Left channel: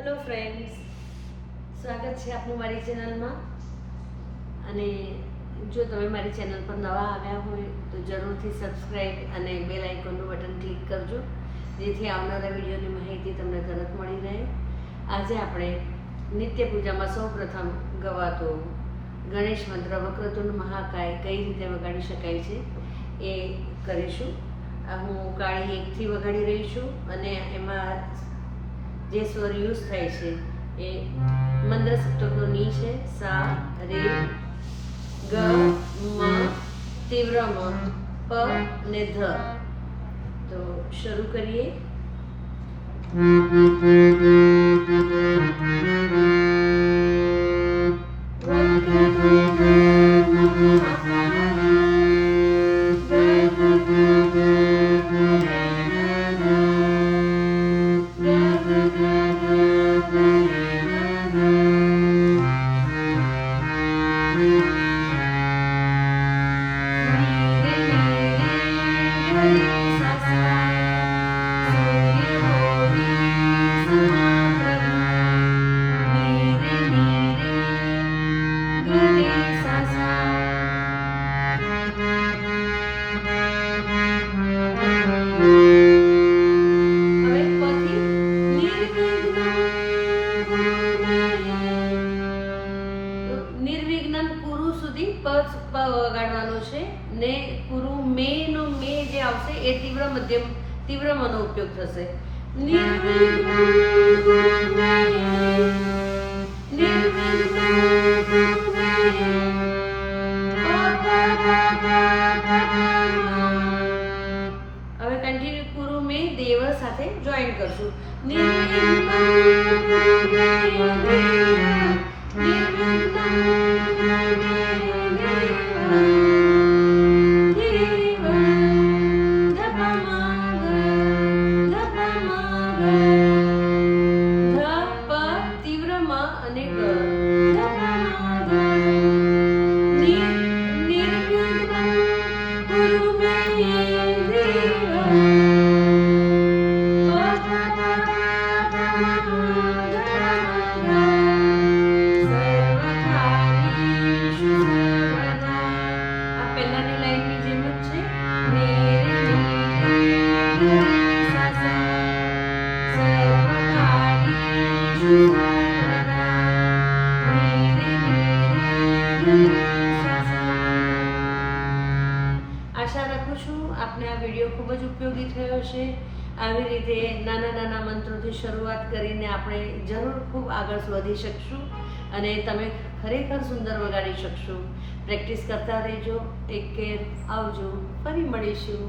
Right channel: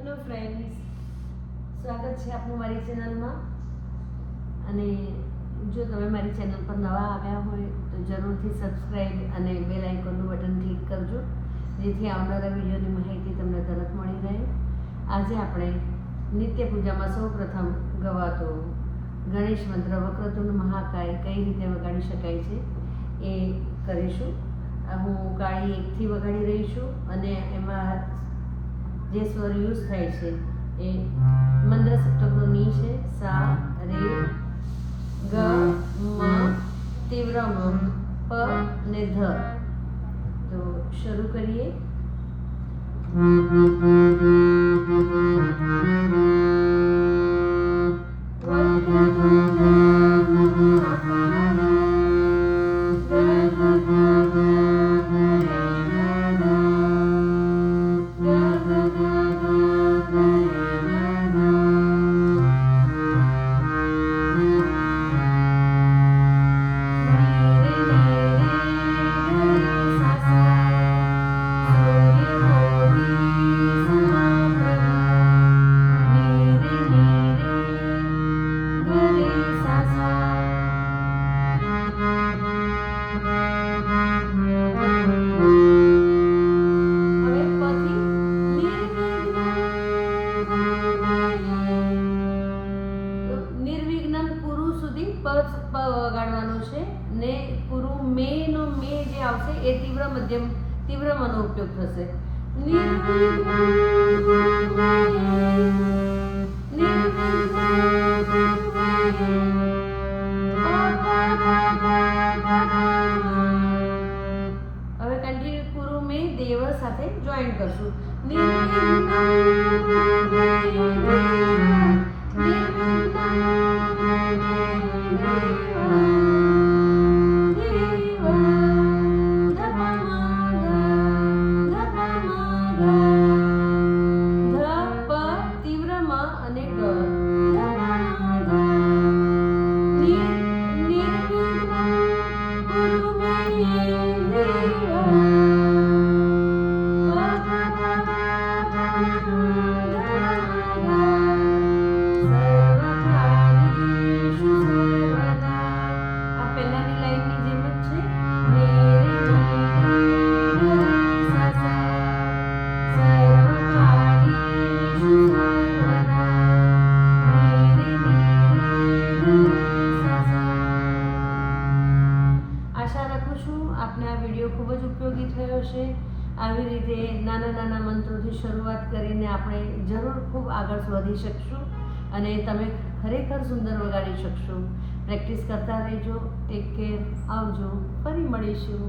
Hello friends, સ્વાગત છે આપનું મારી ચેનલમાં. અને જો તમે મારી ચેનલ પર નવા આવ્યા હોય તો જરૂરથી સબસ્ક્રાઈબ અને બેલ આઇકોનનું બટન ક્લિક કરજો, જેથી આવનારા વિડીયોની માહિતી તમને તરત મળી રહે. આજે આપણે નિત્ય પૂજામાં સૌપ્રથમ ગવાતો ગણેશ મંત્ર વક્રતુંડ મહાકાય કઈ રીતે વગાડી શકાય છે એ કરીશું. હું કાળી એકથી વગાડી રહી છું અને એમાં જે સ્વર યુઝ થાય છે એ મંત્ર સપ્તકનો ની છે, સા, રે, ગ, મ, તીવ્ર મ, પ ને ધ. તો શરૂ કરીએ. નિર્વિઘ્ન કુરુ સુધી પ વગાડવાનો છે ને કુરુ મે નો મે જે આવશે એ તીવ્ર મધ્યમ તીવ્ર મનો ઉપયોગ થશે. હવે કન્ટિન્યુ કુરુ મે દેવ સાથે જોઈન કરશું. આશા રાખું છું આપને આ વિડીયો ખૂબ જ ઉપયોગી થયો હશે. આવી રીતે નાના નાના મંત્રોથી શરૂઆત કરીને આપણે જરૂર ખૂબ આગળ વધી શકશું અને તમે ખરેખર સુંદર વગાડી શકશો. પ્રેક્ટિસ કરતા રહેજો. Take care. આવજો. ફરી મળીશું.